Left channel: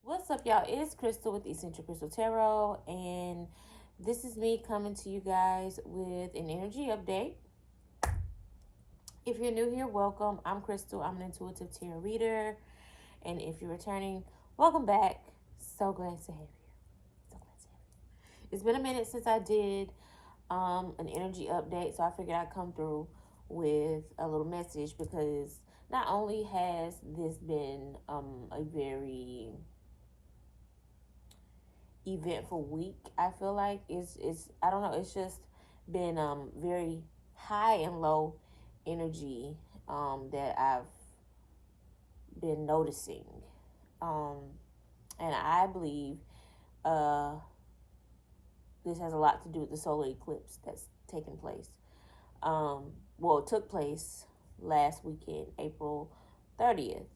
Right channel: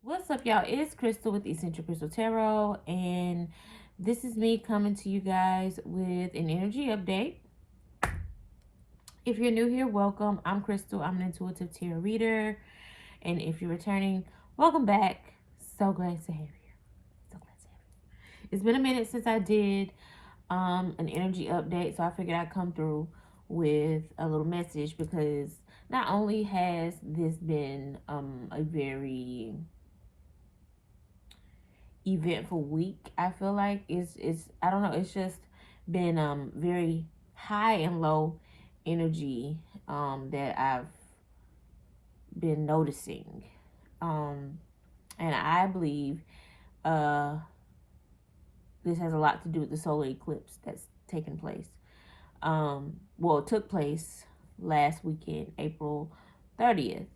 What's up, y'all? It's Crystal with Essential Crystal Tarot, and this is me coming to you guys with an energy update. If you're new here, welcome. I'm Crystal. I'm an intuitive tarot reader, and if you're returning, welcome back. So glad to have you. So glad to have you. It's been a minute since I did an energy update, so I figured I'd come through with a little message because not only has this been a very eventful week. I feel like it's I don't know, it's just been very high and low energy that I've been noticing. Um and I believe uh this has a lot to do with the solar eclipse that's taken place. Well, it took place last weekend, April 30th.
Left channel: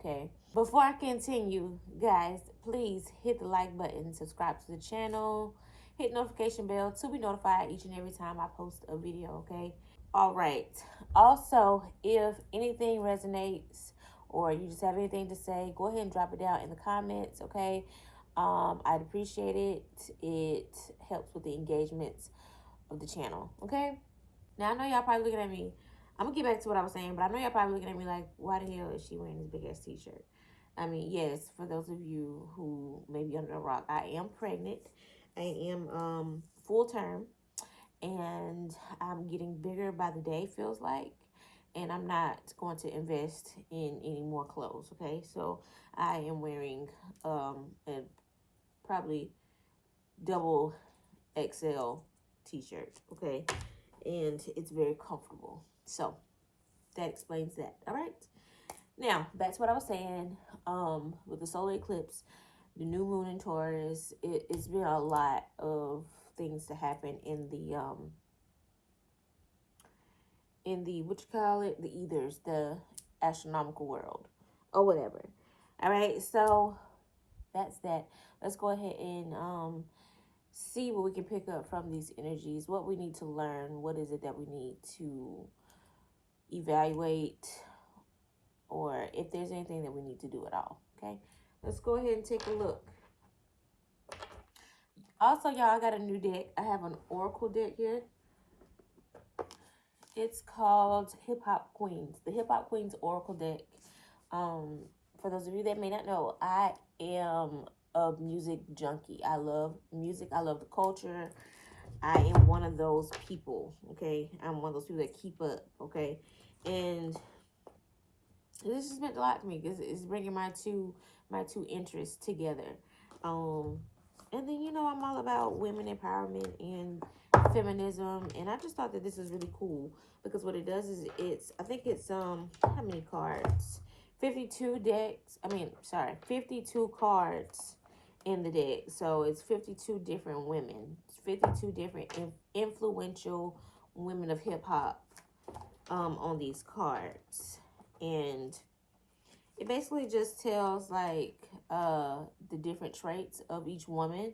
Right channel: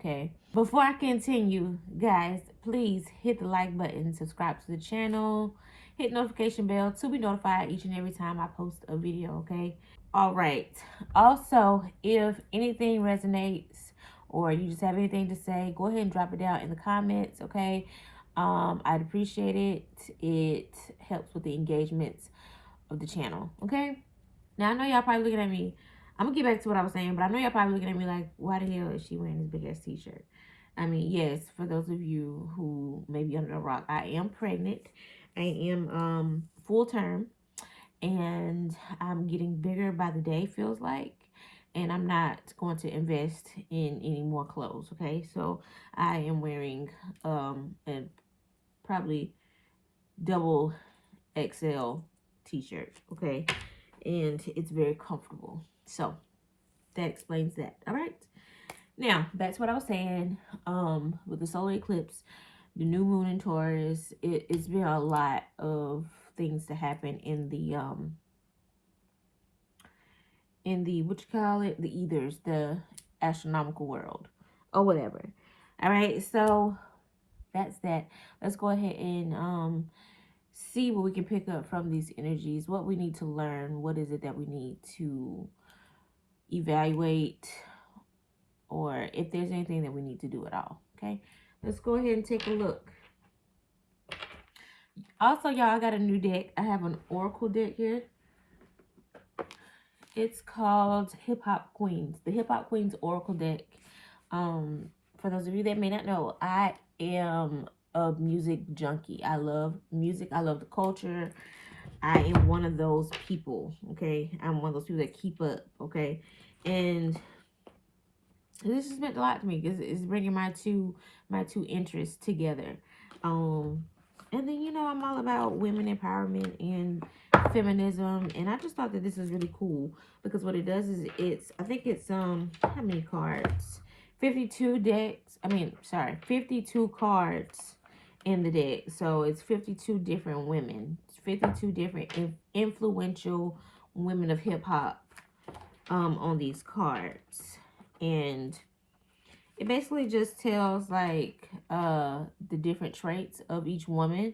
Okay. Before I continue, guys, please hit the like button, subscribe to the channel, hit notification bell to be notified each and every time I post a video, okay? All right. Also, if anything resonates or you just have anything to say, go ahead and drop it down in the comments, okay? I'd appreciate it. It helps with the engagements of the channel, okay? Now, I know y'all probably looking at me. I'm going to get back to what I was saying, but I know y'all probably looking at me like, why the hell is she wearing this big-ass t-shirt? I mean, yes, for those of you who may be under a rock, I am pregnant. I am full term, and I'm getting bigger by the day, feels like. And I'm not going to invest in any more clothes, okay? So I am wearing a probably double XL t-shirt, okay? And it's very comfortable. So that explains that. All right. Now, back to what I was saying. With the solar eclipse, the new moon in Taurus, it's been a lot of things to happen in the what you call it, the ethers, the astronomical world, or whatever. All right, so that's that. Let's go ahead and see what we can pick up from these energies, what we need to learn, what is it that we need to evaluate, or if there's anything that we need to do at all. Okay, let's go ahead and take a look. Also, y'all, I got a new deck. I have an oracle deck here. It's called Hip Hop Queens, the Hip Hop Queens Oracle deck. For those of you that may not know, I am a music junkie. I love music. I love the culture. I am one of those people, okay? I'm one of those people that keep up, okay? And this has meant a lot to me because it's bringing my two interests together. And then I'm all about women empowerment and feminism, and I just thought that this is really cool because what it does is I think it's how many cards? 52 decks. 52 cards in the deck. So it's 52 different women, 52 different influential women of hip hop on these cards. And it basically just tells like the different traits of each woman,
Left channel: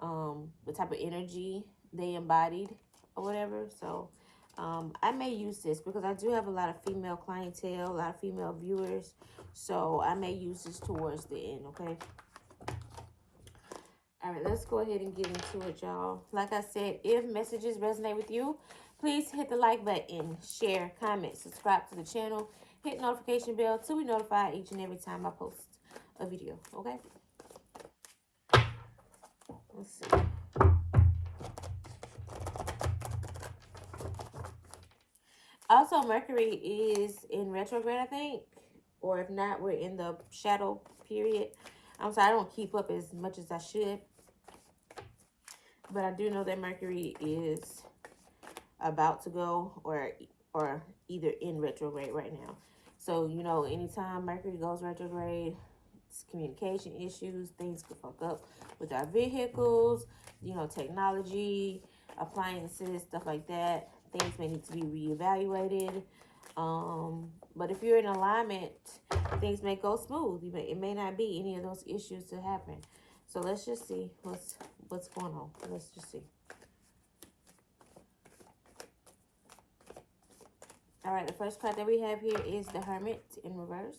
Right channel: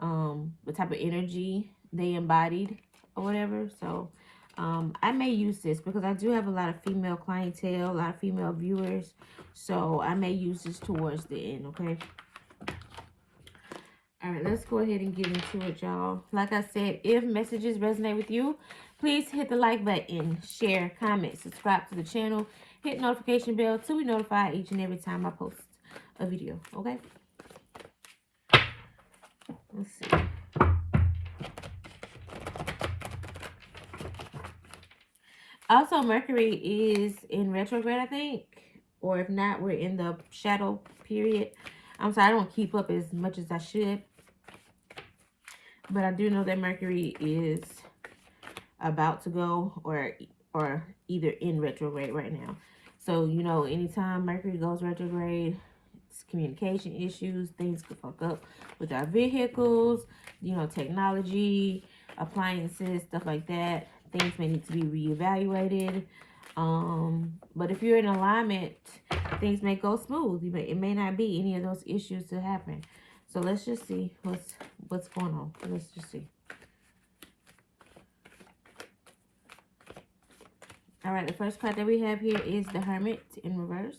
the type of energy they embodied or whatever. So I may use this because I do have a lot of female clientele, a lot of female viewers. So I may use this towards the end, okay? All right, let's go ahead and get into it, y'all. Like I said, if messages resonate with you, please hit the like button, share, comment, subscribe to the channel, hit notification bell to be notified each and every time I post a video, okay? Let's see. Also, Mercury is in retrograde, I think. Or if not, we're in the shadow period. I'm sorry, I don't keep up as much as I should. But I do know that Mercury is about to go or either in retrograde right now. So, anytime Mercury goes retrograde, it's communication issues. Things could fuck up with our vehicles, technology, appliances, stuff like that. Things may need to be reevaluated. But if you're in alignment, things may go smooth. It may not be any of those issues to happen. So let's just see what's going on. Let's just see. All right, the first card that we have here is the Hermit in reverse.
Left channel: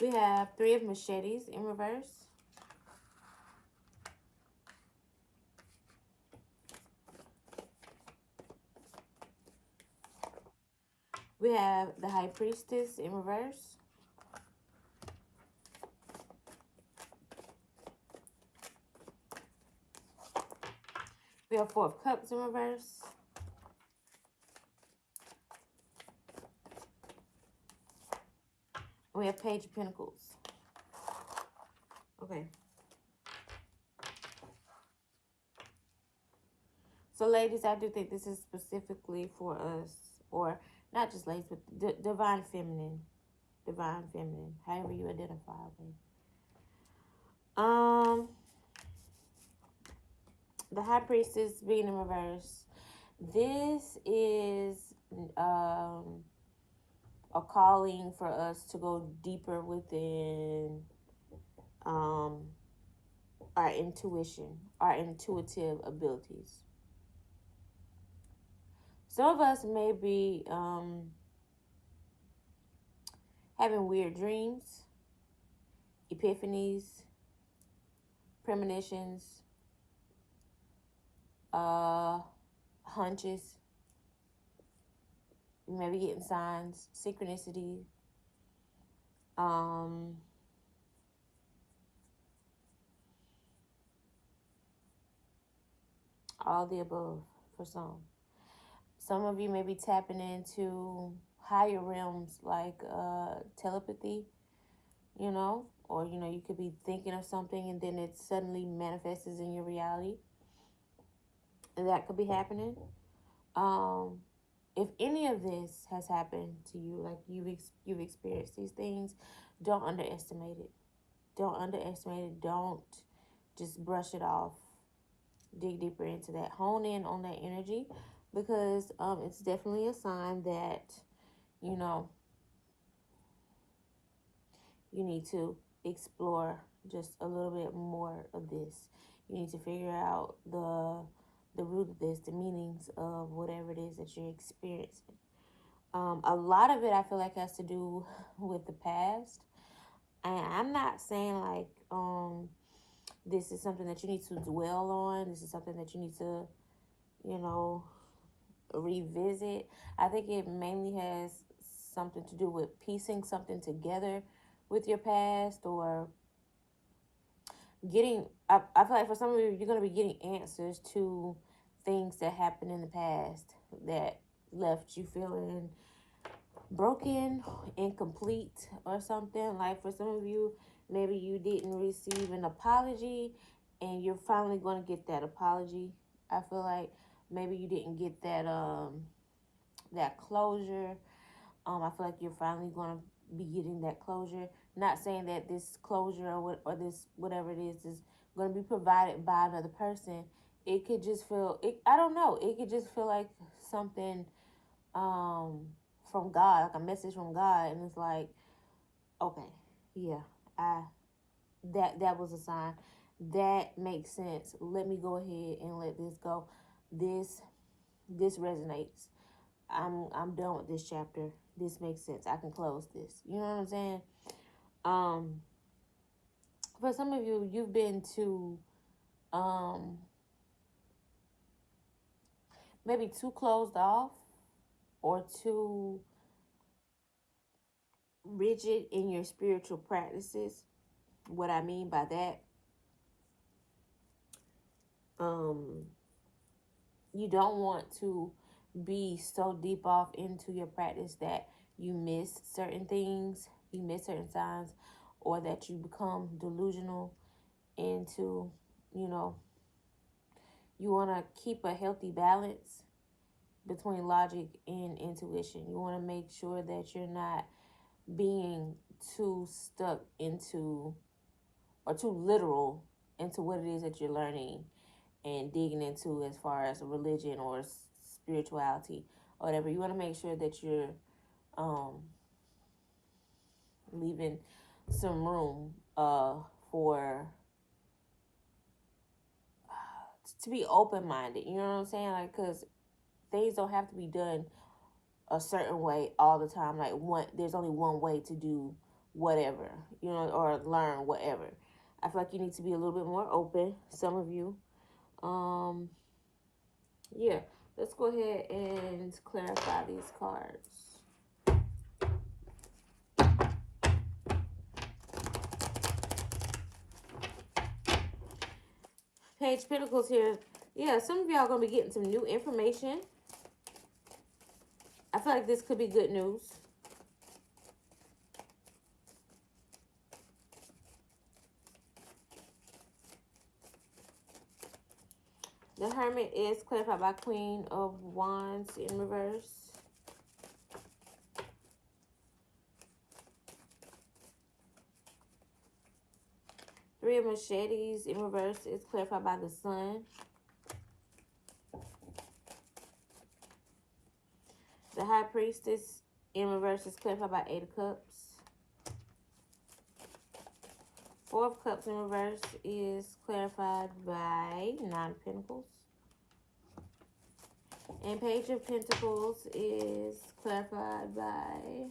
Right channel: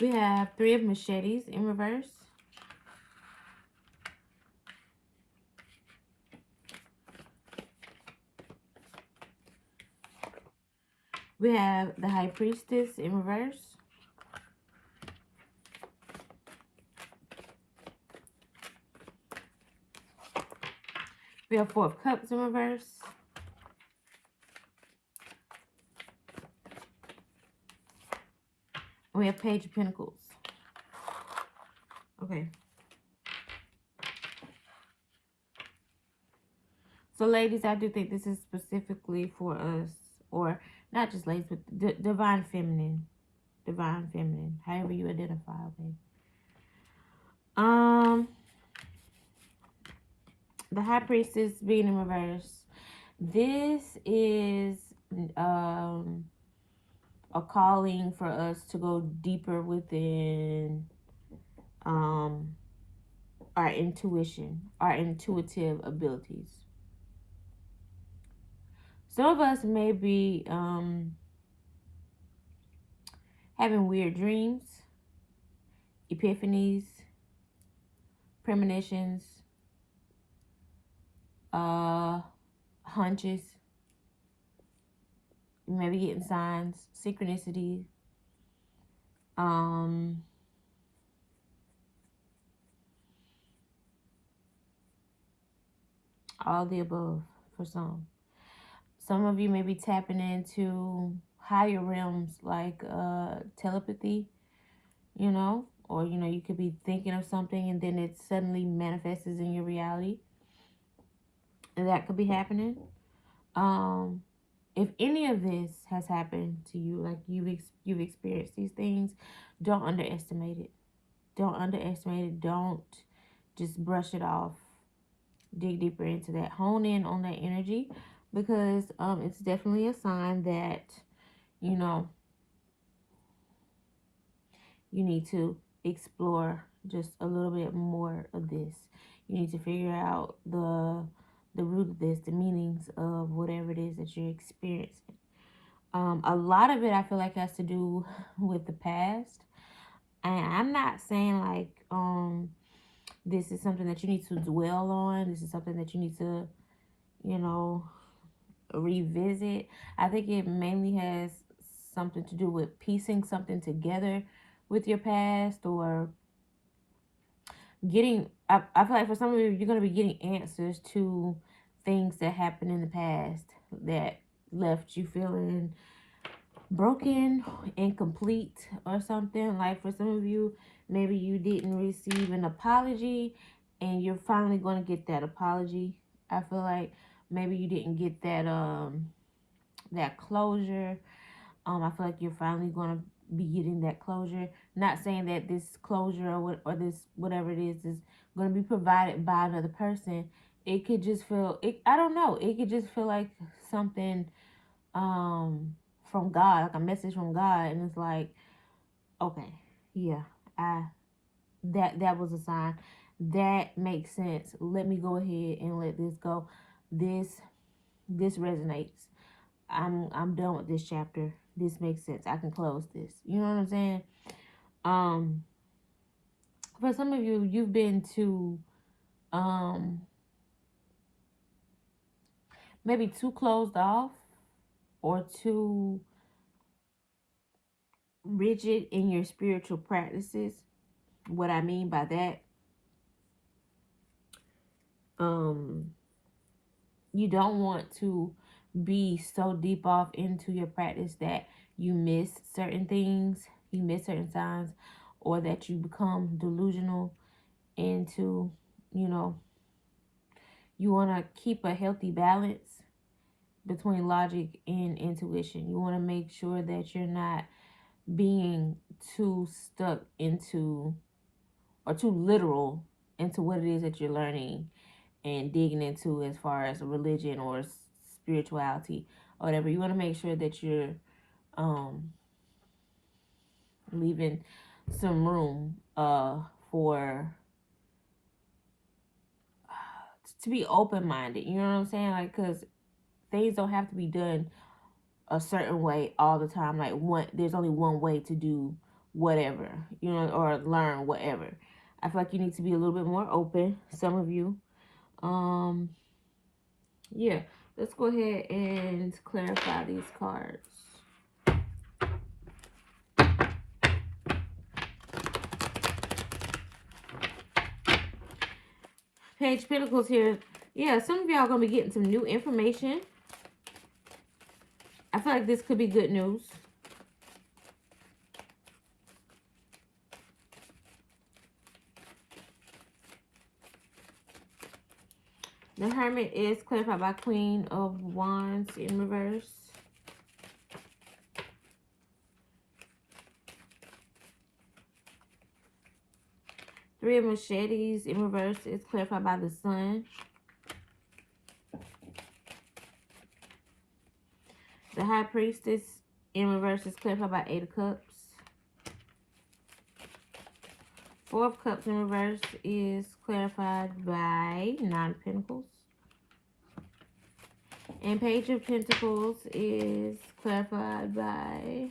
We have Three of Machetes in reverse. We have the High Priestess in reverse. We have Four of Cups in reverse. And we have Page of Pentacles. Okay. So, ladies, I do think this is specifically for us, or not just ladies, but divine feminine. Divine feminine. However you identify, okay? The High Priestess being in reverse. This is a calling for us to go deeper within our intuition, our intuitive abilities. Some of us may be having weird dreams, epiphanies, premonitions, hunches. You may be getting signs, synchronicity, all the above for some. Some of you may be tapping into higher realms like telepathy, you know, or, you know, you could be thinking of something and then it suddenly manifests in your reality. And that could be happening. If any of this has happened to you, like you've experienced these things, don't underestimate it. Don't underestimate it. Don't just brush it off. Dig deeper into that. Hone in on that energy, because it's definitely a sign that, you know, you need to explore just a little bit more of this. You need to figure out the root of this, the meanings of whatever it is that you're experiencing. A lot of it I feel like has to do with the past. And I'm not saying like this is something that you need to dwell on. This is something that you need to, you know, revisit. I think it mainly has something to do with piecing something together with your past, or getting, I feel like for some of you, you're going to be getting answers to things that happened in the past that left you feeling broken, incomplete, or something. Like for some of you, maybe you didn't receive an apology and you're finally going to get that apology. I feel like maybe you didn't get that closure. I feel like you're finally going to be getting that closure. Not saying that this closure or this whatever it is going to be provided by another person. It could just feel it. I don't know. It could just feel like something from God, like a message from God, and it's like, okay, yeah, I that was a sign. That makes sense. Let me go ahead and let this go. This resonates. I'm done with this chapter. This makes sense. I can close this. You know what I'm saying? Um, for some of you, you've been too maybe too closed off or too rigid in your spiritual practices. What I mean by that, um, you don't want to be so deep off into your practice that you miss certain things, you miss certain signs, or that you become delusional into, you know, you want to keep a healthy balance between logic and intuition. You want to make sure that you're not being too stuck into or too literal into what it is that you're learning and digging into as far as religion or spirituality or whatever. You want to make sure that you're um, leaving some room for to be open-minded. You know what I'm saying? Like, because things don't have to be done a certain way all the time. Like, there's only one way to do whatever, or learn whatever. I feel like you need to be a little bit more open, some of you. Um, yeah, let's go ahead and clarify these cards. Page of Pentacles here. Yeah, some of y'all going to be getting some new information. I feel like this could be good news. The Hermit is clarified by Queen of Wands in reverse. Three of Machetes in reverse is clarified by the Sun. The High Priestess in reverse is clarified by Eight of Cups. Four of Cups in reverse is clarified by Nine of Pentacles. And Page of Pentacles is clarified by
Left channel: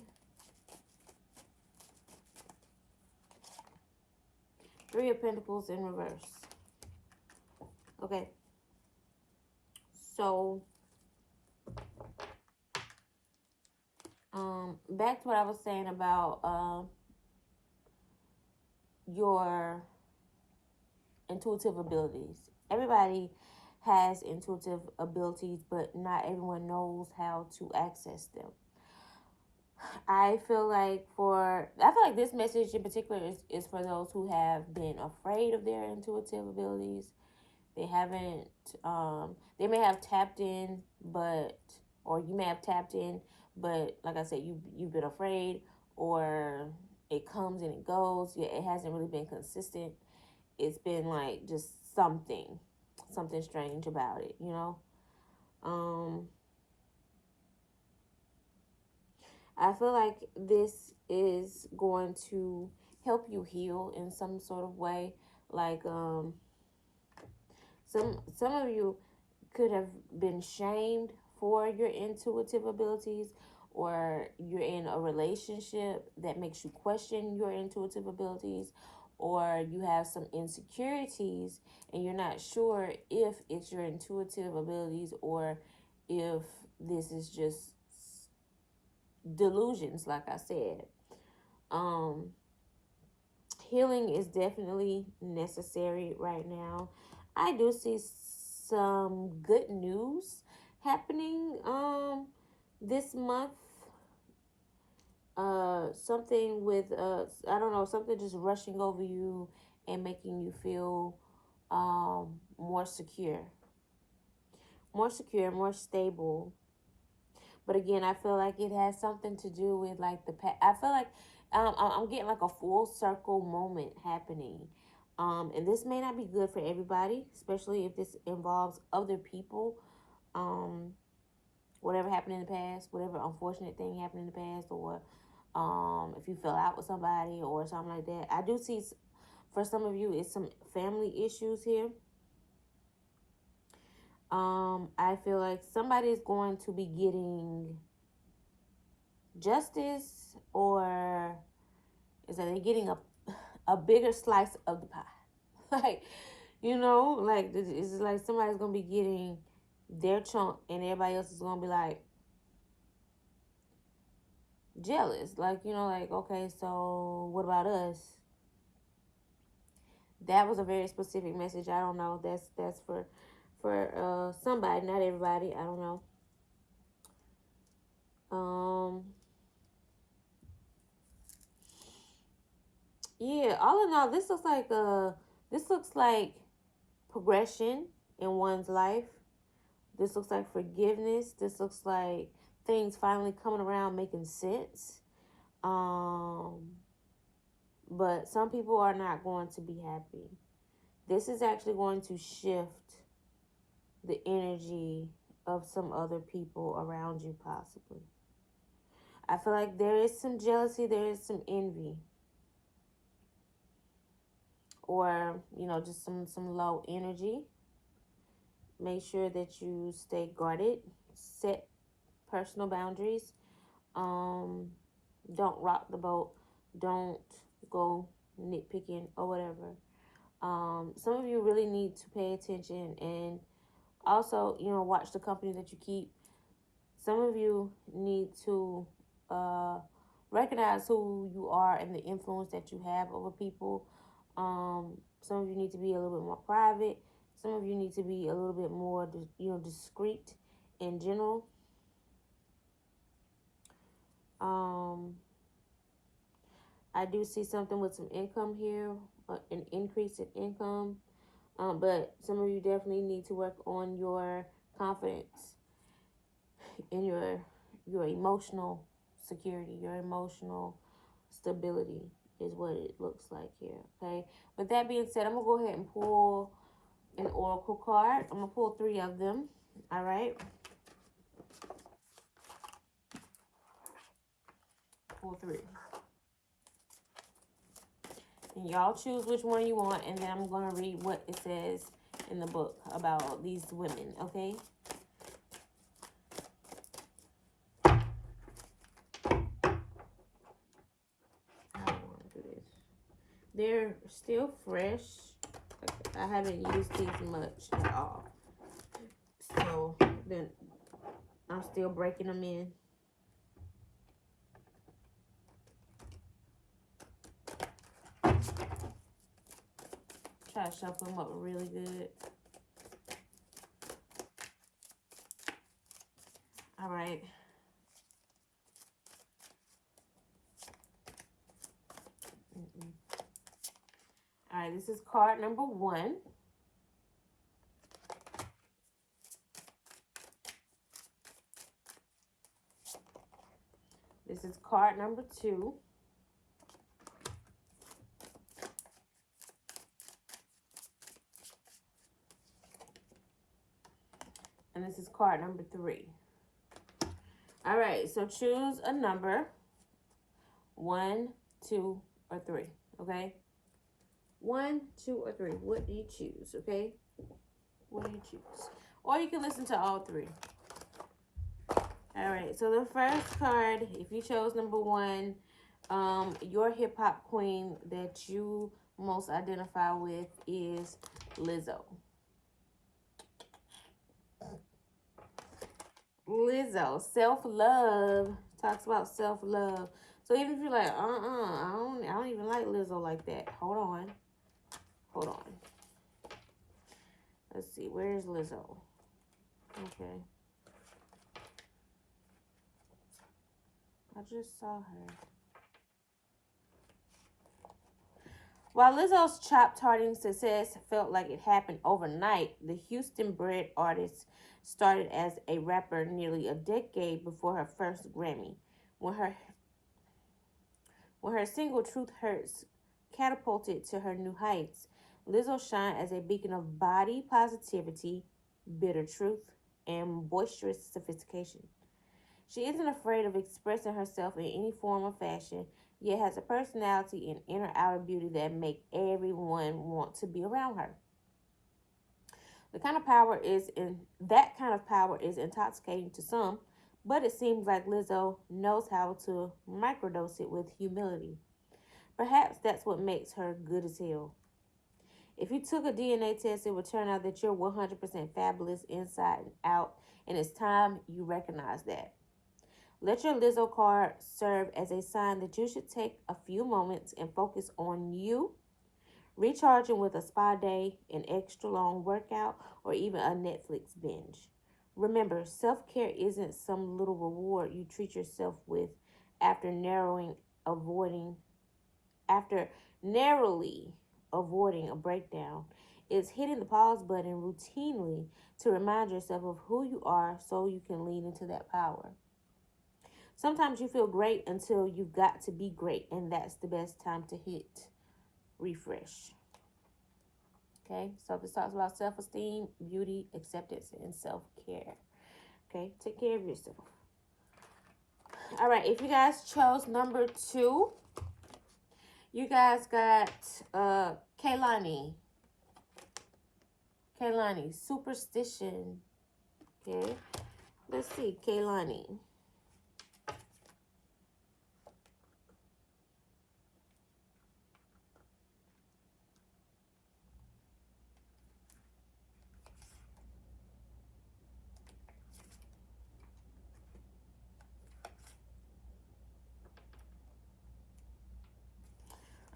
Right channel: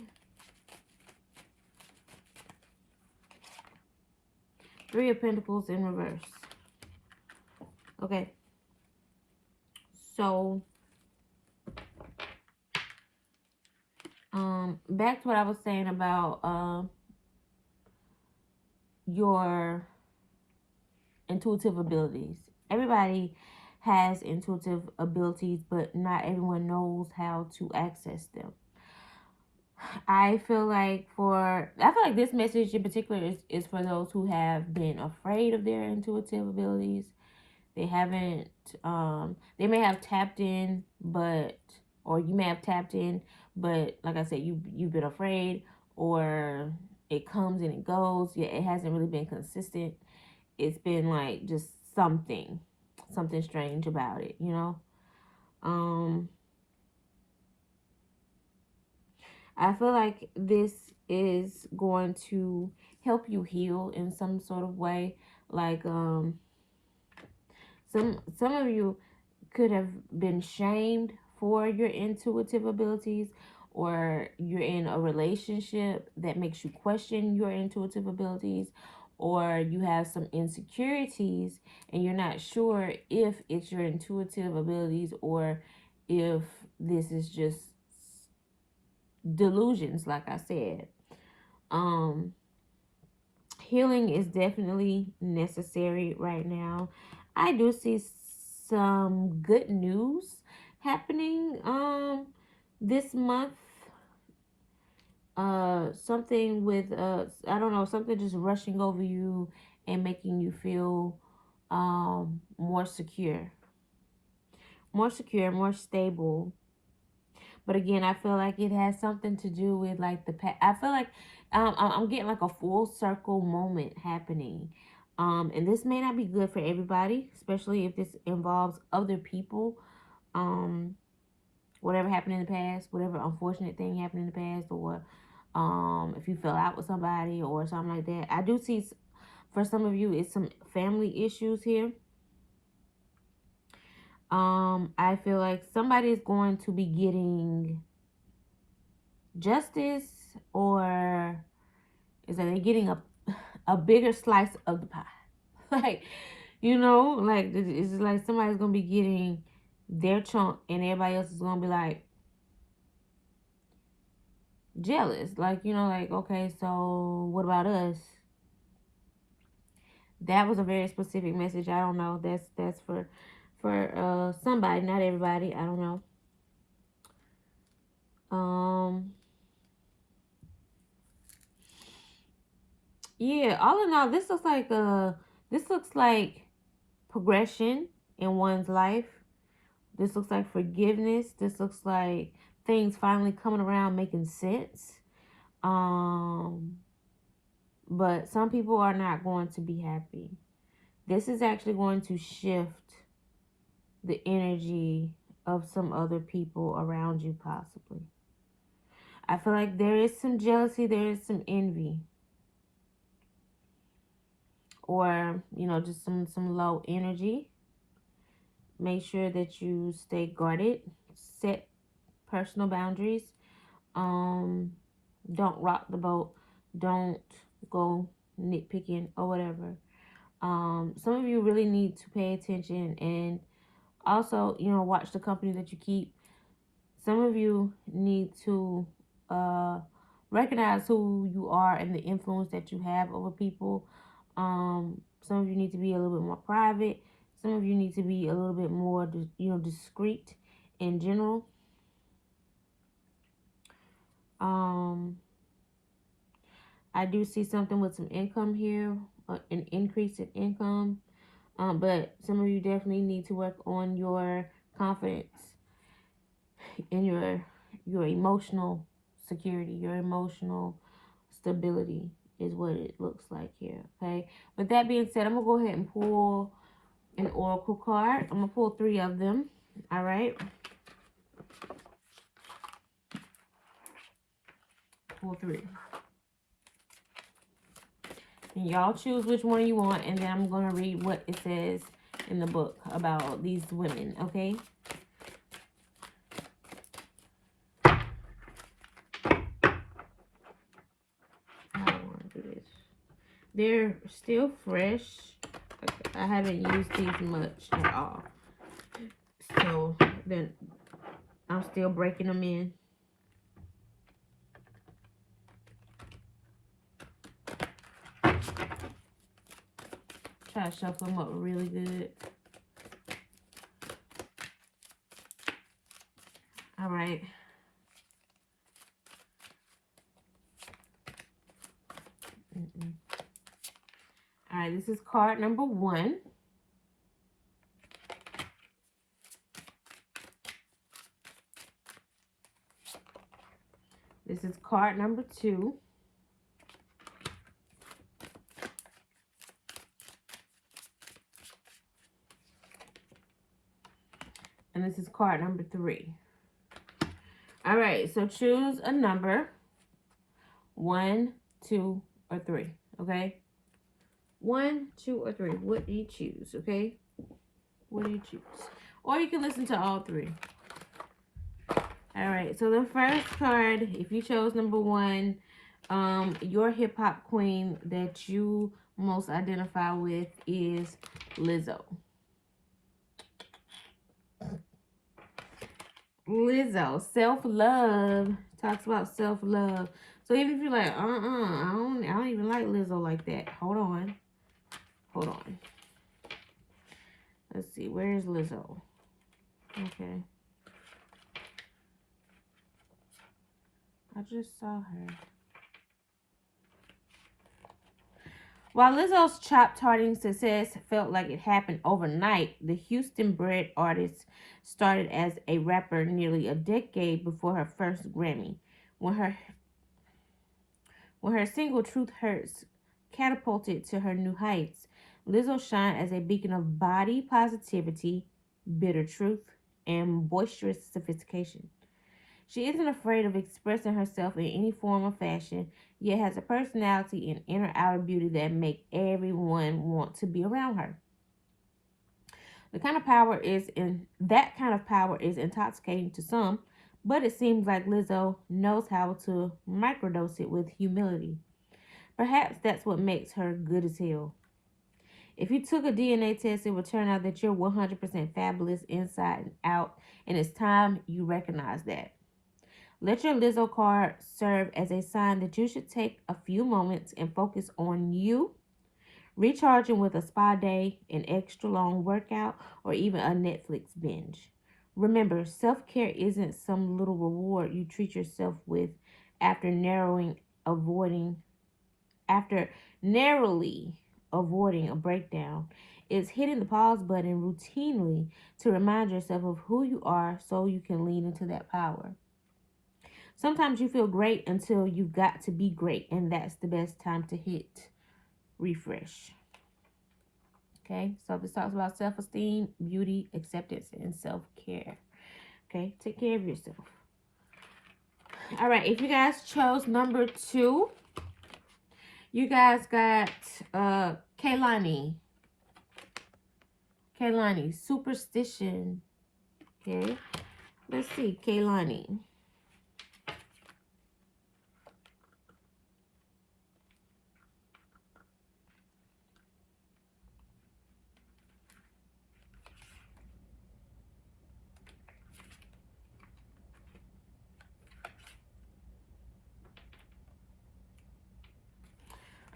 Three of Pentacles in reverse. Okay. So, back to what I was saying about your intuitive abilities. Everybody has intuitive abilities, but not everyone knows how to access them. I feel like this message in particular is for those who have been afraid of their intuitive abilities. They haven't, they may have tapped in, or you may have tapped in, but like I said, you've been afraid, or it comes and it goes. Yeah, it hasn't really been consistent. It's been like just something strange about it, I feel like this is going to help you heal in some sort of way. Like some of you could have been shamed for your intuitive abilities, or you're in a relationship that makes you question your intuitive abilities, or you have some insecurities and you're not sure if it's your intuitive abilities or if this is just delusions, like I said. Healing is definitely necessary right now. I do see some good news happening this month. Something with I don't know, something just rushing over you and making you feel more secure, more stable. But again, I feel like it has something to do with like the past. I feel like I'm getting like a full circle moment happening. And this may not be good for everybody, especially if this involves other people. Um, Whatever happened in the past, whatever unfortunate thing happened in the past, or if you fell out with somebody or something like that. I do see for some of you, it's some family issues here. I feel like somebody is going to be getting justice, or is that they're getting a bigger slice of the pie. Like, like it's like somebody's gonna be getting their chunk and everybody else is gonna be like jealous. Like, like, okay, so what about us? That was a very specific message. I don't know. That's for somebody, not everybody. I don't know. Yeah, all in all, this looks like progression in one's life. This looks like forgiveness. This looks like things finally coming around, making sense. But some people are not going to be happy. This is actually going to shift the energy of some other people around you, possibly. I feel like there is some jealousy, there is some envy, or just some low energy. Make sure that you stay guarded, set personal boundaries. Don't rock the boat Don't go nitpicking or whatever. Some of you really need to pay attention and also, watch the company that you keep. Some of you need to uh, recognize who you are and the influence that you have over people. Some of you need to be a little bit more private. Some of you need to be a little bit more, discreet in general. Um, I do see something with some income here, an increase in income. But some of you definitely need to work on your confidence and your emotional security, your emotional stability is what it looks like here. Okay. With that being said, I'm gonna go ahead and pull an oracle card. I'm gonna pull 3 of them. All right. Pull 3. And y'all choose which one you want, and then I'm gonna read what it says in the book about these women. Okay. I don't want to do this. They're still fresh. I haven't used these much at all. So then I'm still breaking them in. Try to shuffle them up really good. All right. All right, this is card number 1. This is card number 2. And this is card number 3. All right, so choose a number. 1, 2, or 3. Okay? 1, 2, or 3. What do you choose? Okay? What do you choose? Or you can listen to all 3. All right, so the first card, if you chose number 1, your hip-hop queen that you most identify with is Lizzo. Lizzo, self-love, talks about self-love. So even if you're like, I don't even like Lizzo like that. Hold on. Let's see, where is Lizzo? Okay. I just saw her. While Lizzo's chop-charting success felt like it happened overnight, the Houston-bred artist started as a rapper nearly a decade before her first Grammy. When her single Truth Hurts catapulted to her new heights, Lizzo shined as a beacon of body positivity, bitter truth, and boisterous sophistication. She isn't afraid of expressing herself in any form or fashion, yet has a personality and inner outer beauty that make everyone want to be around her. That kind of power is intoxicating to some, but it seems like Lizzo knows how to microdose it with humility. Perhaps that's what makes her good as hell. If you took a DNA test, it would turn out that you're 100% fabulous inside and out, and it's time you recognize that. Let your Lizzo card serve as a sign that you should take a few moments and focus on you, recharging with a spa day, an extra long workout, or even a Netflix binge. Remember, self-care isn't some little reward you treat yourself with after avoiding after narrowly avoiding a breakdown. It's hitting the pause button routinely to remind yourself of who you are so you can lean into that power. Sometimes you feel great until you've got to be great, and that's the best time to hit refresh. Okay, so this talks about self-esteem, beauty, acceptance, and self-care. Okay, take care of yourself. All right, if you guys chose number 2, you guys got Kaylani, superstition. Okay, let's see, Kaylani.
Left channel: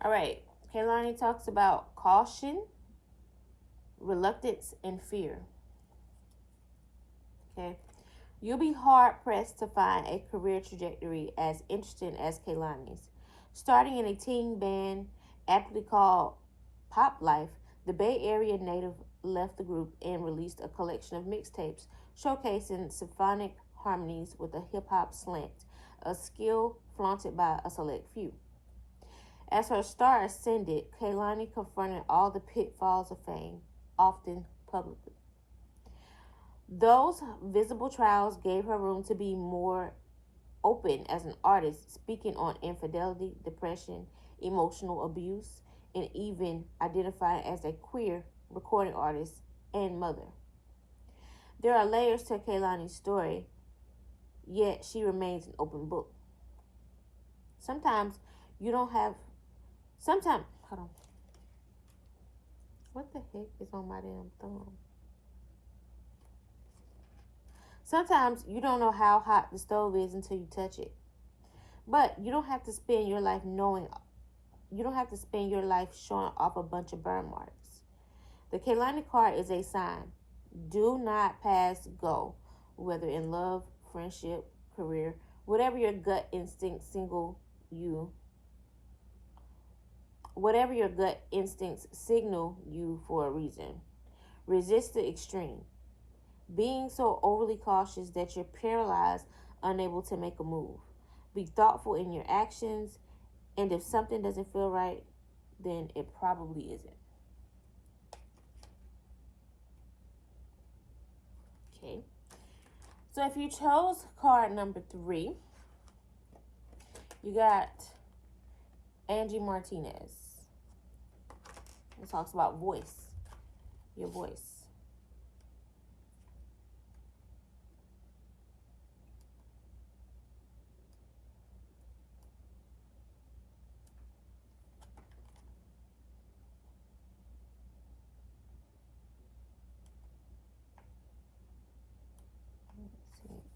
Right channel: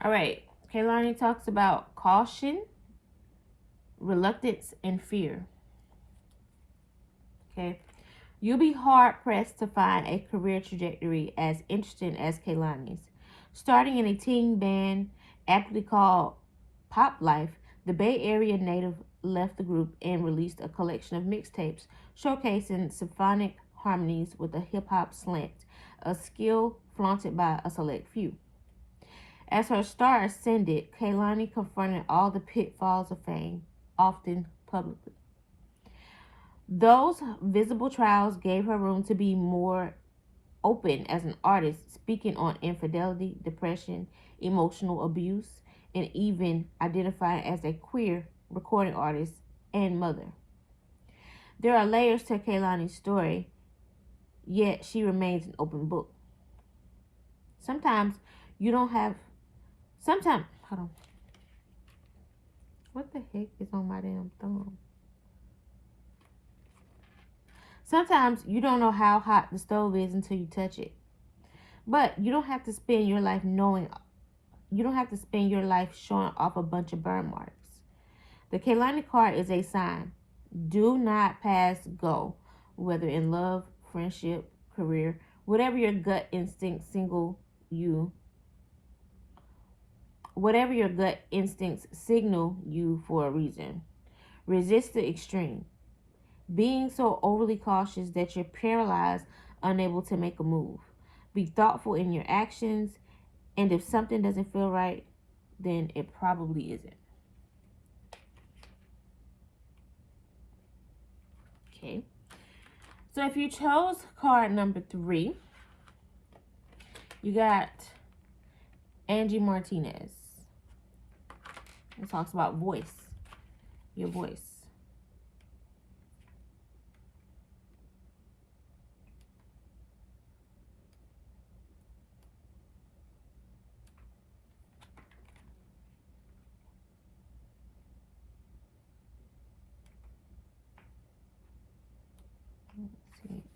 All right. Kaylani talks about caution, reluctance, and fear. Okay. You'll be hard pressed to find a career trajectory as interesting as Kaylani's. Starting in a teen band aptly called Pop Life, the Bay Area native left the group and released a collection of mixtapes showcasing symphonic harmonies with a hip hop slant, a skill flaunted by a select few. As her star ascended, Kaylani confronted all the pitfalls of fame, often publicly. Those visible trials gave her room to be more open as an artist, speaking on infidelity, depression, emotional abuse, and even identifying as a queer recording artist and mother. There are layers to Kaylani's story, yet she remains an open book. Sometimes you don't have. Sometimes. Hold on. What the heck is on my damn thumb? Sometimes you don't know how hot the stove is until you touch it. But you don't have to spend your life knowing. You don't have to spend your life showing off a bunch of burn marks. The Kaylani card is a sign. Do not pass go, whether in love, friendship, career, whatever your gut instincts single you, whatever your gut instincts signal you for a reason. Resist the extreme. Being so overly cautious that you're paralyzed, unable to make a move. Be thoughtful in your actions, and if something doesn't feel right, then it probably isn't. Okay. So if you chose card number 3, you got Angie Martinez. It talks about voice, your voice.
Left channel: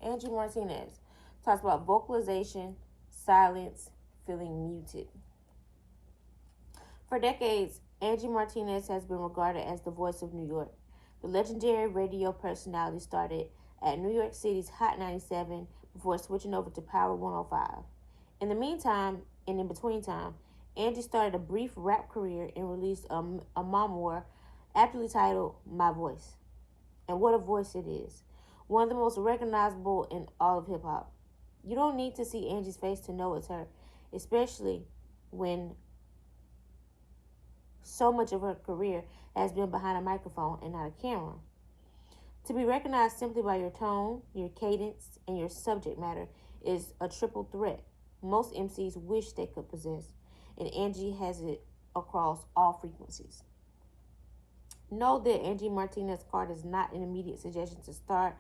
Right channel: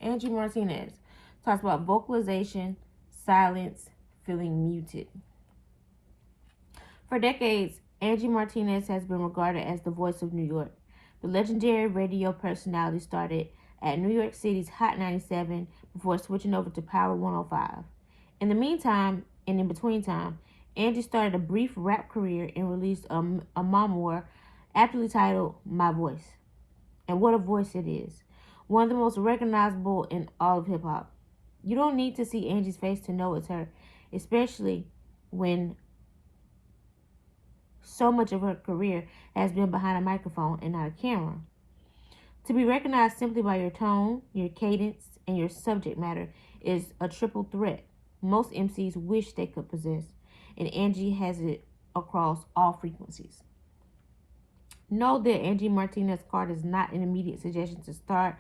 Angie Martinez talks about vocalization, silence, feeling muted. For decades, Angie Martinez has been regarded as the voice of New York. The legendary radio personality started at New York City's Hot 97 before switching over to Power 105. In the meantime, and in between time, Angie started a brief rap career and released a memoir aptly titled My Voice. And what a voice it is. One of the most recognizable in all of hip hop. You don't need to see Angie's face to know it's her, especially when so much of her career has been behind a microphone and not a camera. To be recognized simply by your tone, your cadence, and your subject matter is a triple threat most MCs wish they could possess, and Angie has it across all frequencies. Know that Angie Martinez card is not an immediate suggestion to start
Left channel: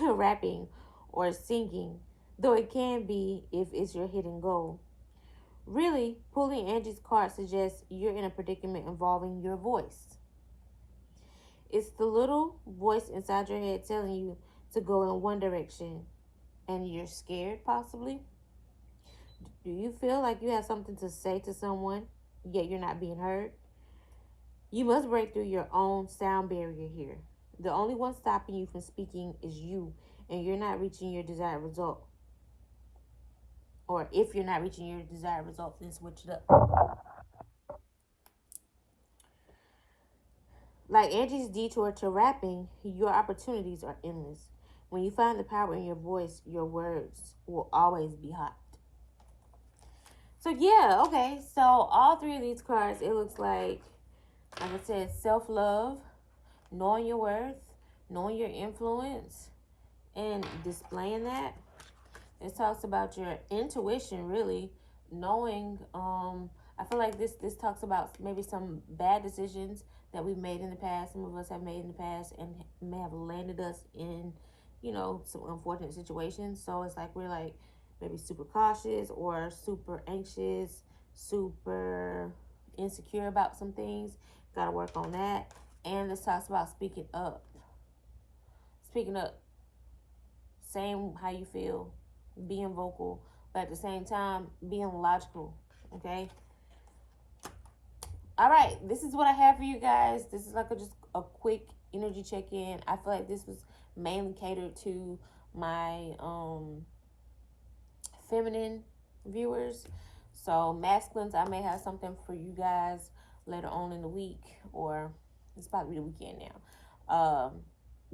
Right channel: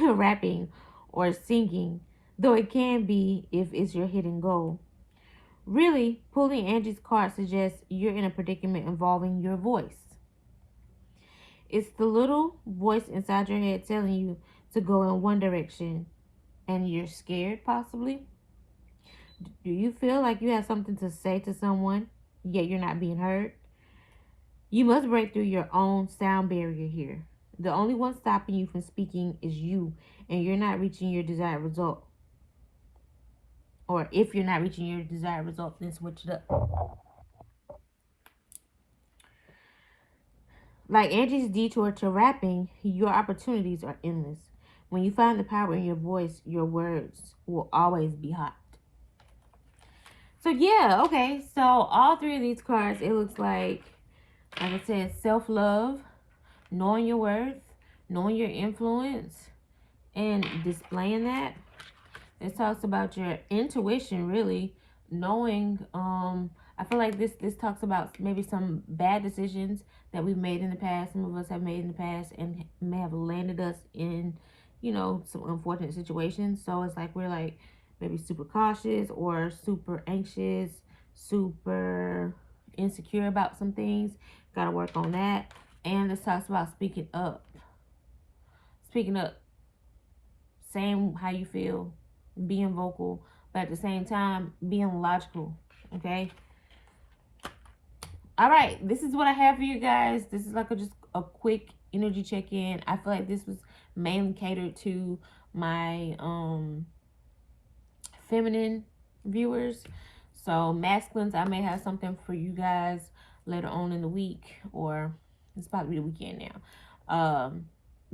rapping or singing, though it can be if it's your hidden goal. Really, pulling Angie's card suggests you're in a predicament involving your voice. It's the little voice inside your head telling you to go in one direction and you're scared, possibly. Do you feel like you have something to say to someone, yet you're not being heard? You must break through your own sound barrier here. The only one stopping you from speaking is you, and you're not reaching your desired result. Or if you're not reaching your desired result, then switch it up. Like Angie's detour to rapping, your opportunities are endless. When you find the power in your voice, your words will always be hot. So yeah, okay. So all 3 of these cards, it looks like I said, self-love, knowing your worth, knowing your influence, and displaying that. It talks about your intuition, really, knowing. I feel like this talks about maybe some bad decisions that we've made in the past. Some of us have made in the past and may have landed us in, some unfortunate situations. So it's like we're like maybe super cautious or super anxious, super insecure about some things. Got to work on that. And this talks about speaking up. Speaking up, saying how you feel, being vocal, but at the same time being logical. Okay, All right, this is what I have for you guys. This is like just a quick energy check-in. I feel like this was mainly catered to my feminine viewers. So masculines, I may have something for you guys later on in the week, or it's probably the weekend now.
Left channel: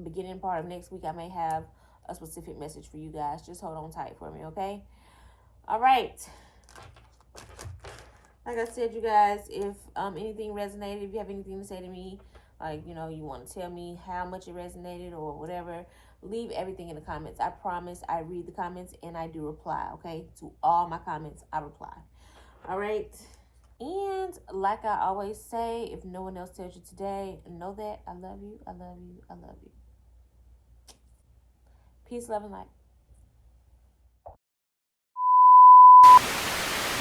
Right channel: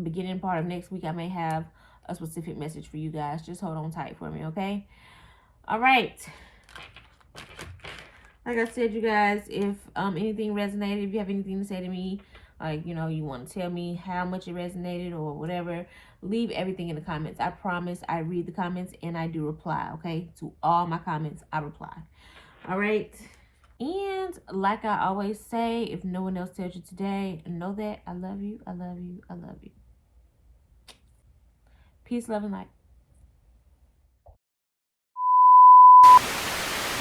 Beginning part of next week, I may have a specific message for you guys. Just hold on tight for me, okay? All right. Like I said, you guys, if anything resonated, if you have anything to say to me, like, you know, you want to tell me how much it resonated or whatever, leave everything in the comments. I promise I read the comments and I do reply, okay? To all my comments, I reply. All right. And like I always say, if no one else tells you today, know that I love you, I love you, I love you. Peace, love, and light.